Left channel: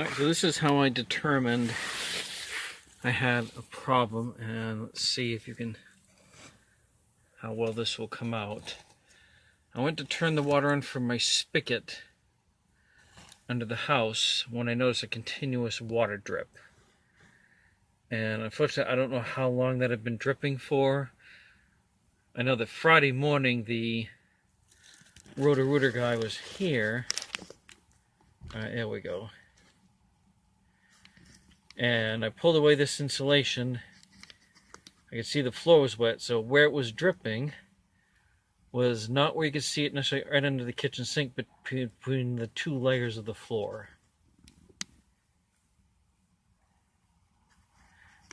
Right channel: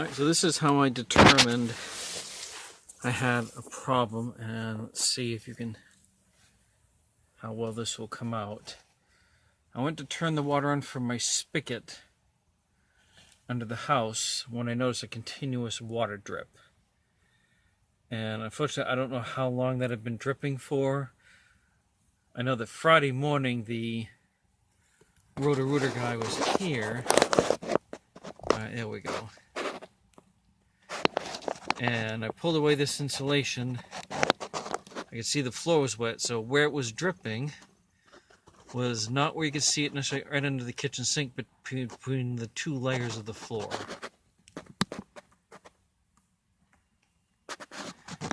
Alright, so this is how I determined I had a problem, and let's see if you can, how well this will come out. I went to turn the water on from my spigot under the house when I noticed a continuous water drip. And unfortunately, I don't know how long that had been dripping for. I know that Friday morning the Roto-Rooter guy was here. Alright, there we go. And I pulled away this insulation. I could see the floor was wet, so where it was dripping was not where you could see it necessarily right under the kitchen sink, but between the two layers of the floor.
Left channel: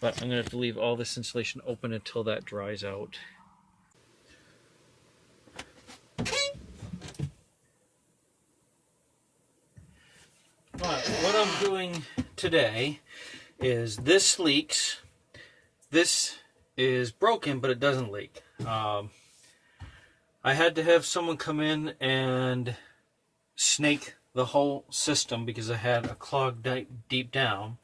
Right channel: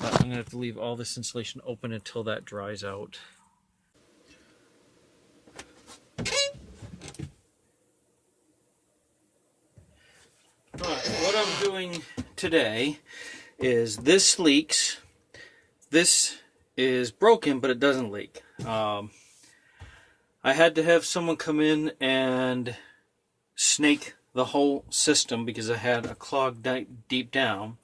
But I'm going to have to leave all this insulation open until that dries out. Alright, what I'm doing today is this leaks. This is broken, but it doesn't leak. I had to have someone come in and snake the whole system because I had a clog deep down.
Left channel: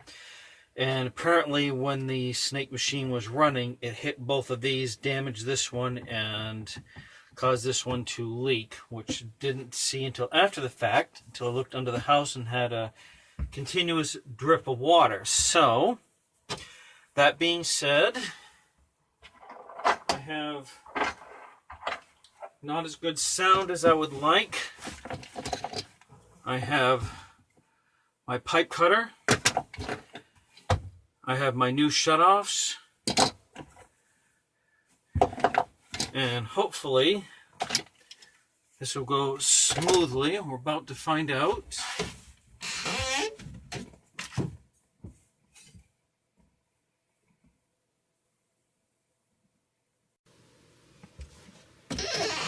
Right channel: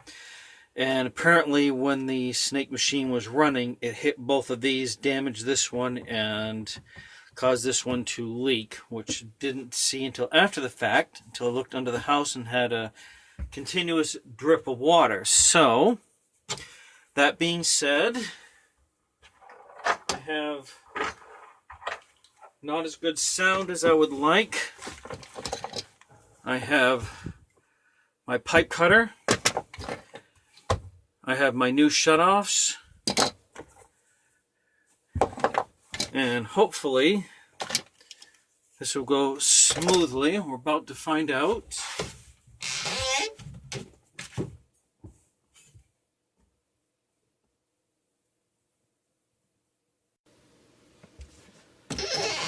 And apparently when the snake machine was running, it hit both of these, damaged this one, and caused this one to leak, which didn't see until after the fact, until I looked under the house and had a continuous drip of water. So, that being said, I have not as good sound as I would like. I have my pipe cutter. I have my new shutoffs. And hopefully this will go smoothly. We're about to find out.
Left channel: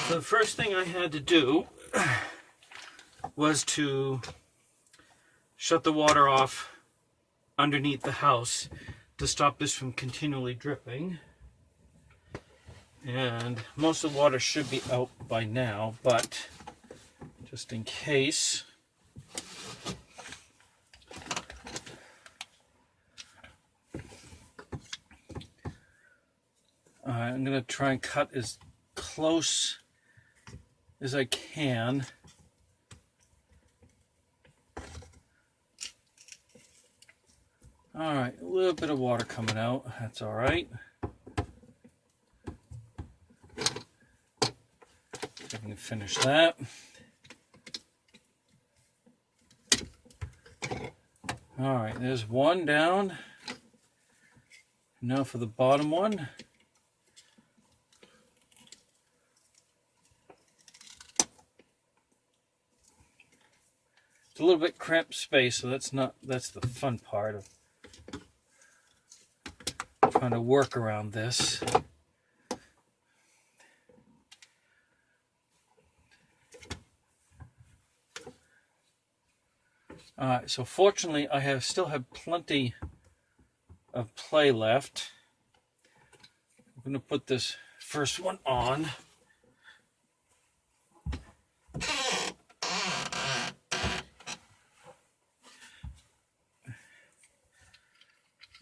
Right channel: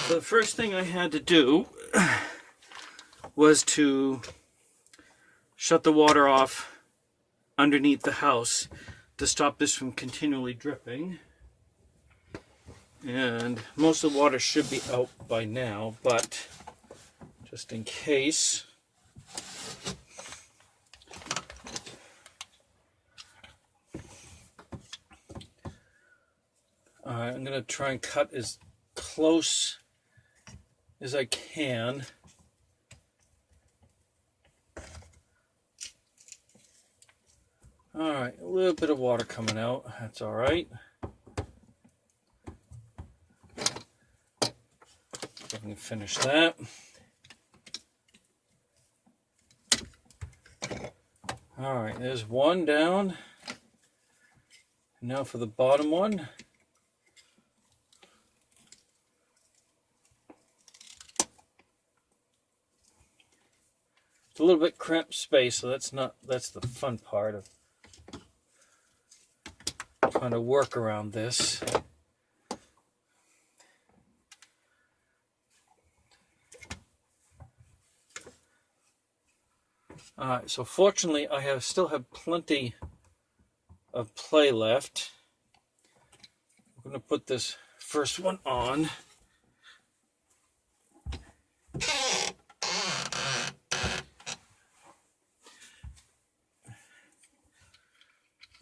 So the first thing I had to do was to shut the water off underneath the house to stop this from continually dripping. And most of the water should be out by now, but just in case, I'm going to try and cut as close as I can. Alright, a little bit of water coming out, that's alright. I can finish that. Alright, there's one down. Now for the bottom one. It's a little bit cramped space, so that's the fun part of trying to work around this. So fortunately, I still have plenty of play left. I'm going to put this first one on.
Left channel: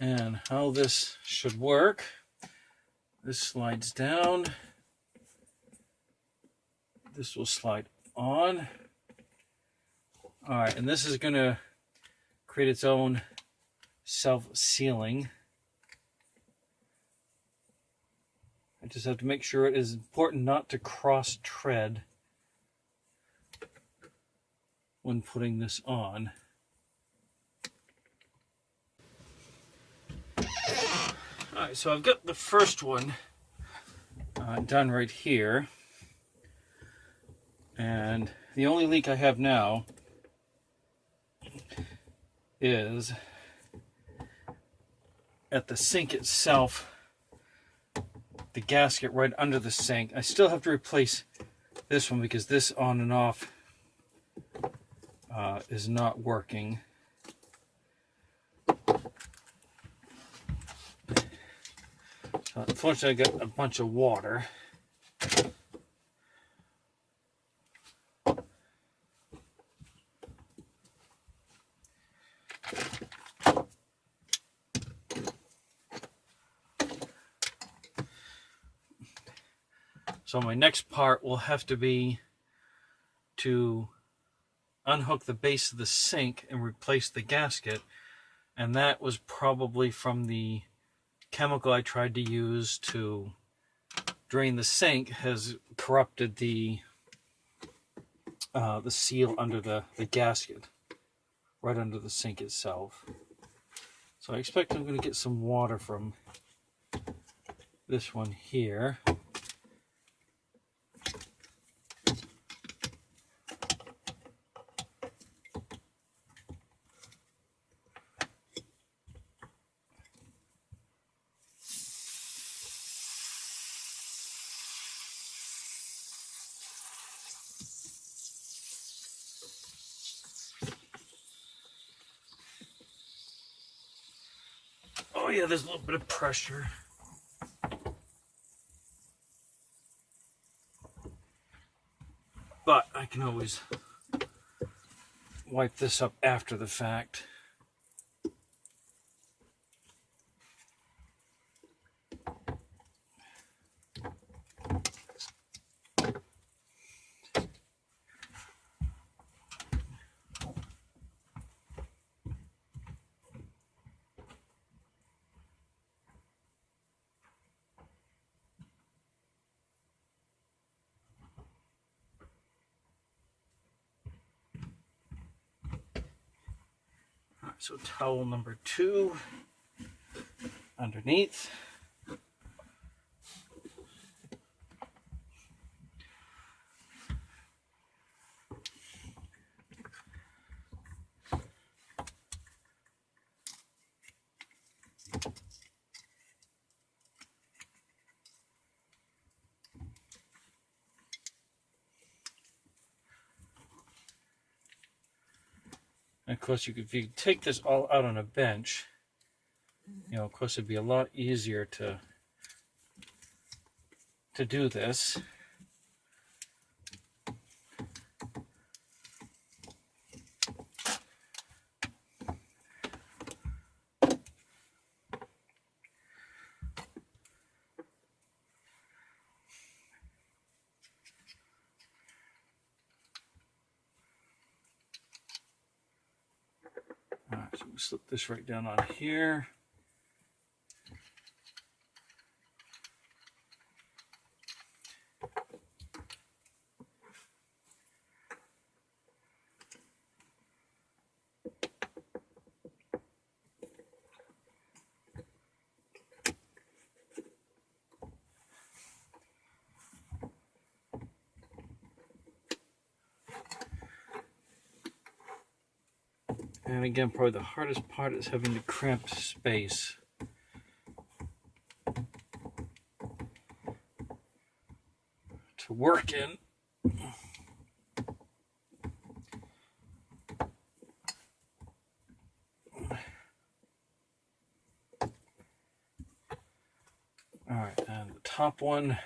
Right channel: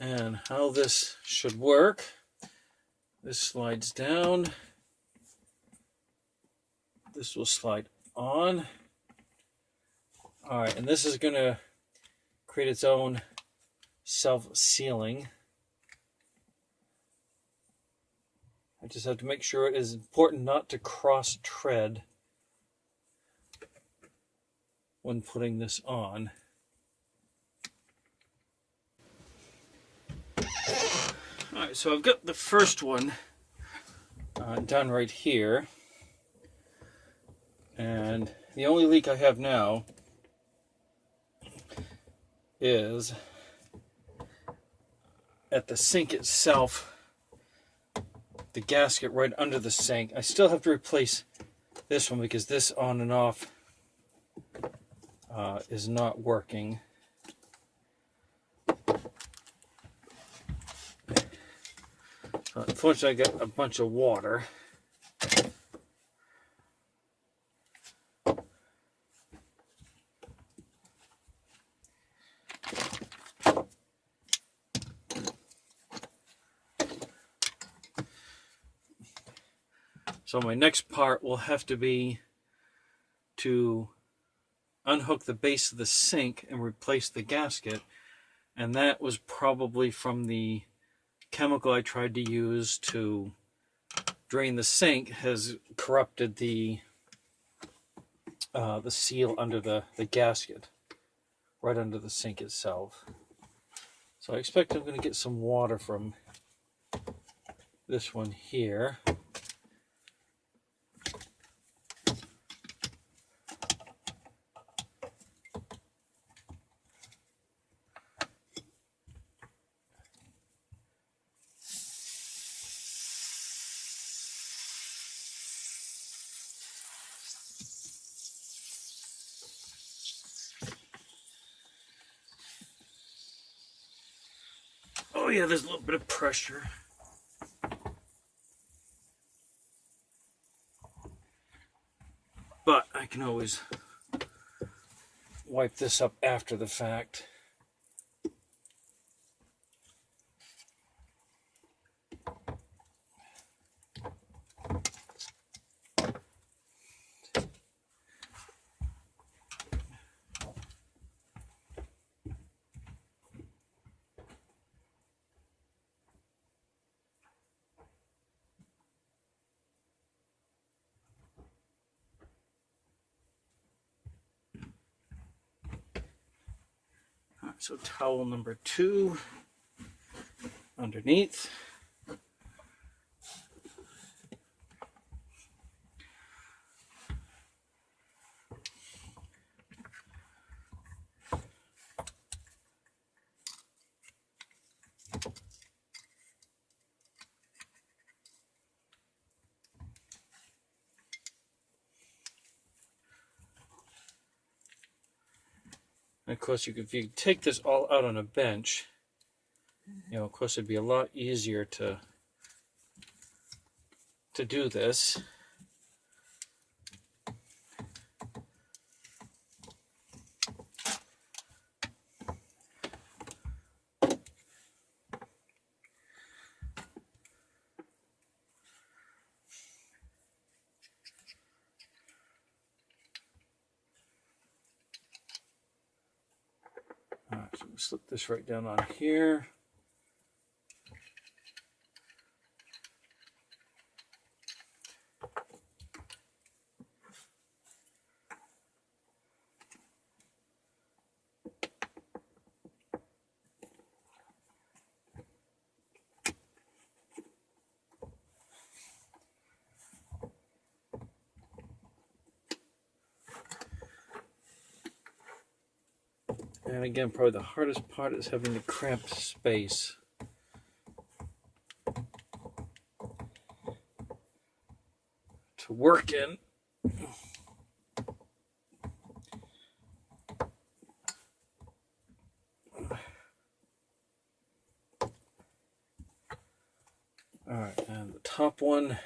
And how this should work, this slides down, this will slide on. Alright, and this is going to create its own self-sealing. I just have to make sure it is important not to cross-tread when putting this on. Alright, so I've got the first one done right here. And the only leak I have now is at the sink itself, the gasket right under the sink. I still have to replace this one because this on and off is not working. Unfortunately, I got a bunch of water. So my next part will have to be to unhook the base of the sink and replace the gasket. And that was probably from the chemical I tried to use to drain the sink has corrupted the seal under the gasket, right under the sink itself. So I expect I'm going to get some water from this one here. Oh yeah, there's a little bit of pressure. But I can always wipe this up after the fact. So towel number 2 underneath. And of course, if you take this all out on a bench, of course, it'd be a lot easier to do this. All right, so we'll slip this right down on here. And again, probably the hardest part is having the cramped space. To work in. All right, and the top one.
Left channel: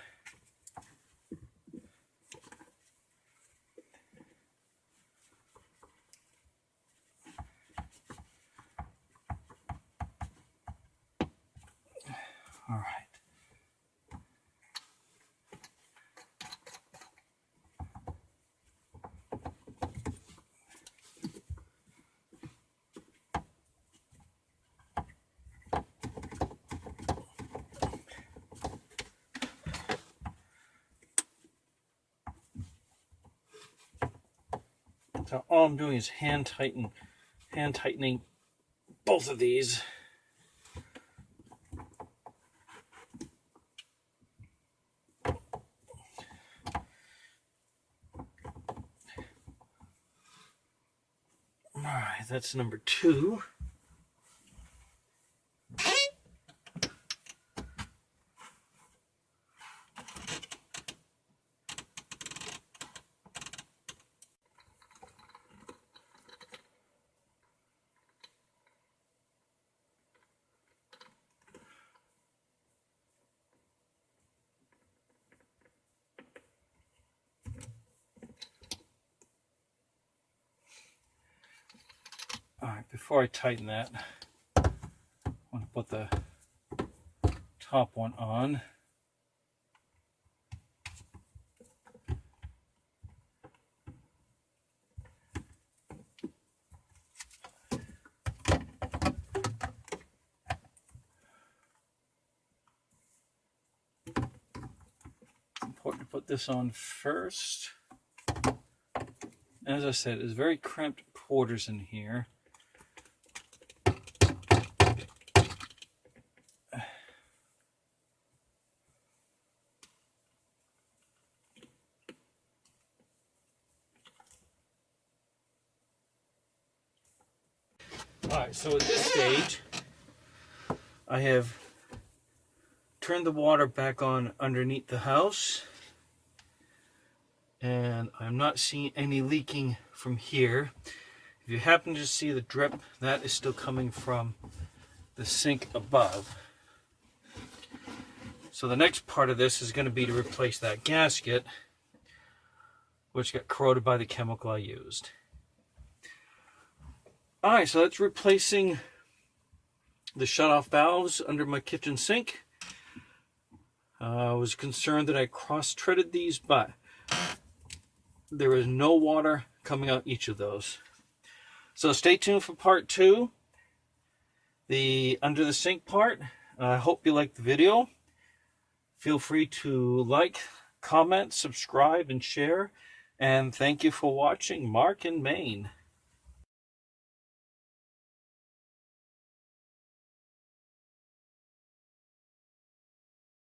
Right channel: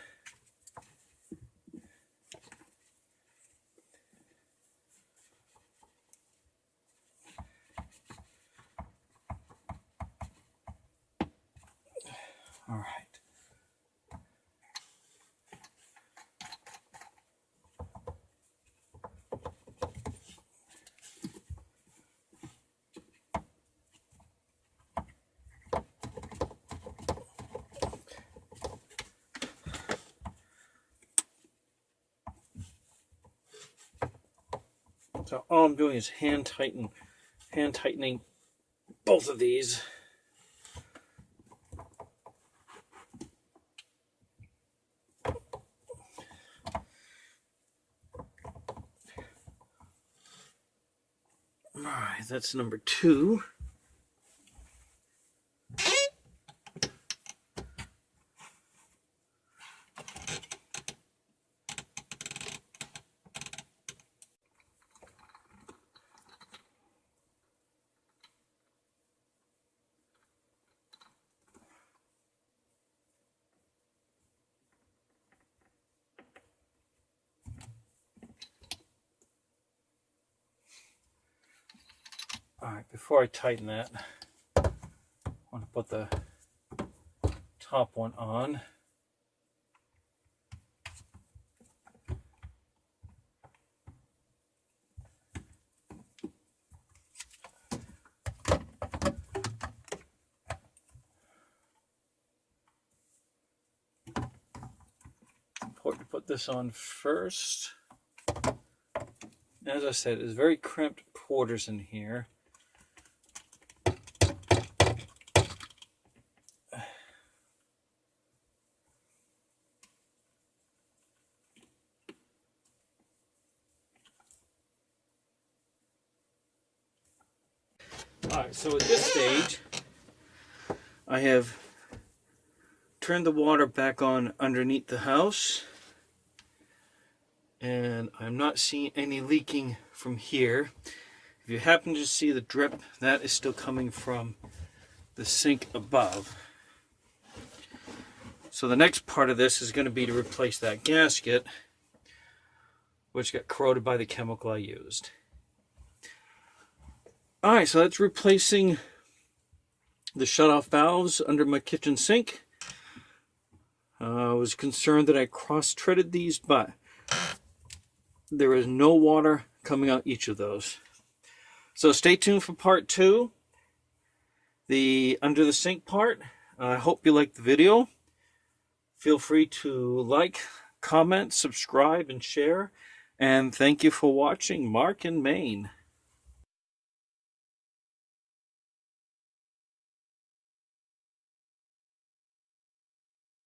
All right. So all I'm doing is hand tightening both of these. All right, that's number 2. All right, before I tighten that, I want to put the top one on. put this on first. As I said, it's very cramped quarters in here. Alright, so at this stage, I have turned the water back on underneath the house, and I'm not seeing any leaking from here. If you happen to see the drip, that is still coming from the sink above. So the next part of this is going to be to replace that gasket, which got corroded by the chemical I used. Alright, so that's replacing the shutoff valves under my kitchen sink. I was concerned that I cross-threaded these, but there is no water coming out each of those. So stay tuned for part 2, the under the sink part. I hope you liked the video. Feel free to like, comment, subscribe, and share. And thank you for watching. Mark in Maine.